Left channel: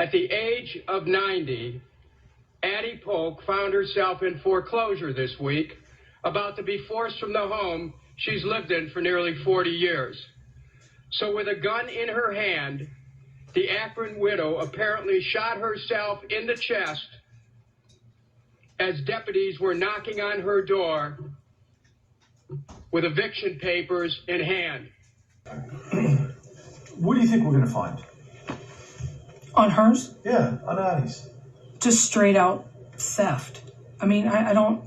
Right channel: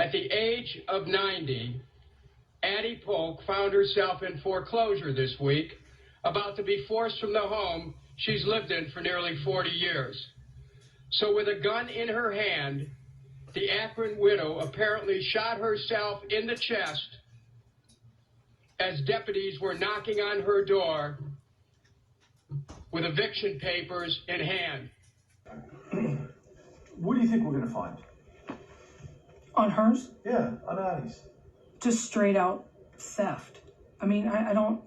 At the age of 90, Addie Polk found herself in foreclosure this week, about to be forced from the home she's lived in for nearly 40 years. So with a gun in her hand, the Akron widow apparently shot herself in the chest as deputies were knocking on her door with eviction papers in hand. What do you think we're going to find? On hers? Yeah, on Addie's. Just straight out theft. I mean, I don't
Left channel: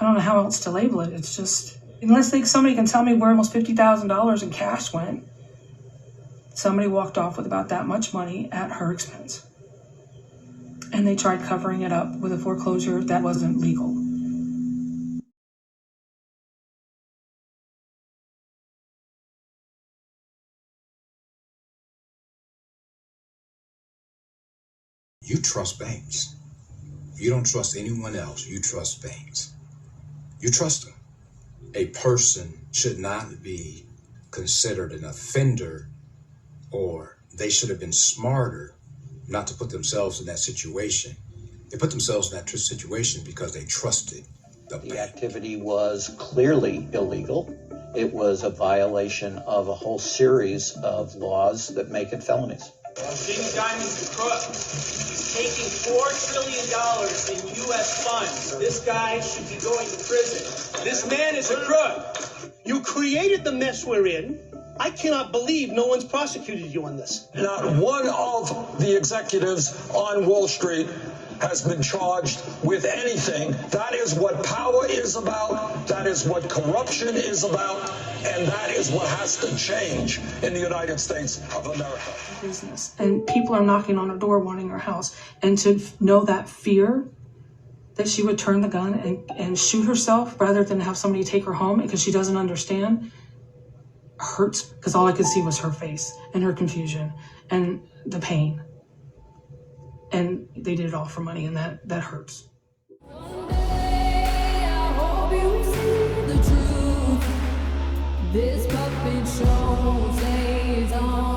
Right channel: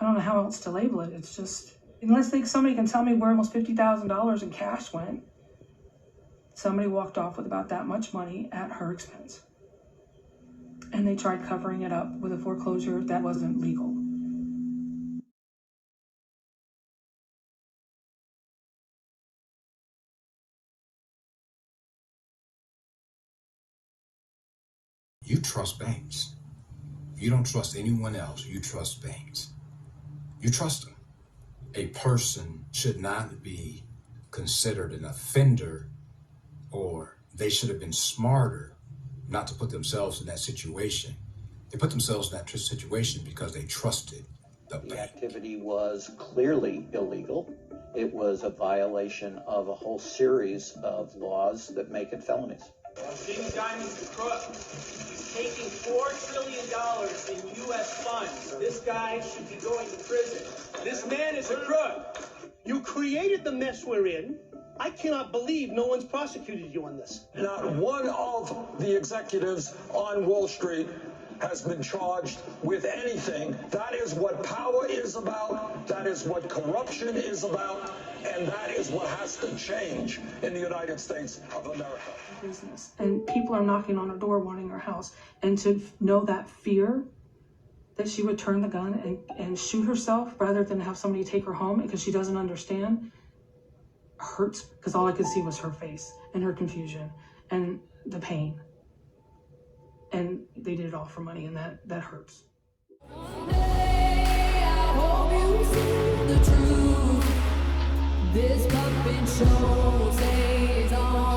know how else to label it. It's just, unless somebody can tell me where almost $50,000 in cash went. Somebody walked off with about that much money at her expense. And they tried covering it up with a foreclosure that wasn't legal. You trust banks. You don't trust anyone else. You trust banks. You trust them. A person should not be considered an offender, or they should have been smarter not to put themselves in that situation. They put themselves in that situation because they trusted the bank. The activity was clearly illegal. It was a violation of a whole series of laws that make it felonies. Jimmy Diamond's a crook. He's taking $4 trillion in U.S. funds. This guy should be going to prison. This man is a crook. You created the mess we're in. I cannot believe no one's prosecuted you on this. Not one of the executives on Wall Street has been charged with anything. That is what power is about. That is what corruption is about. And that is what has to change in the United States of America. Business. And people are knocking on her door wanting her house. And to know that fear that she would turn the gun and shoot herself rather than have somebody take her home because she doesn't understand hurts, because all I could see was her face and her confusion and the pain. And they did it all for money, and that hurts. Someday, I hope you see the truth. This puppet show stays on.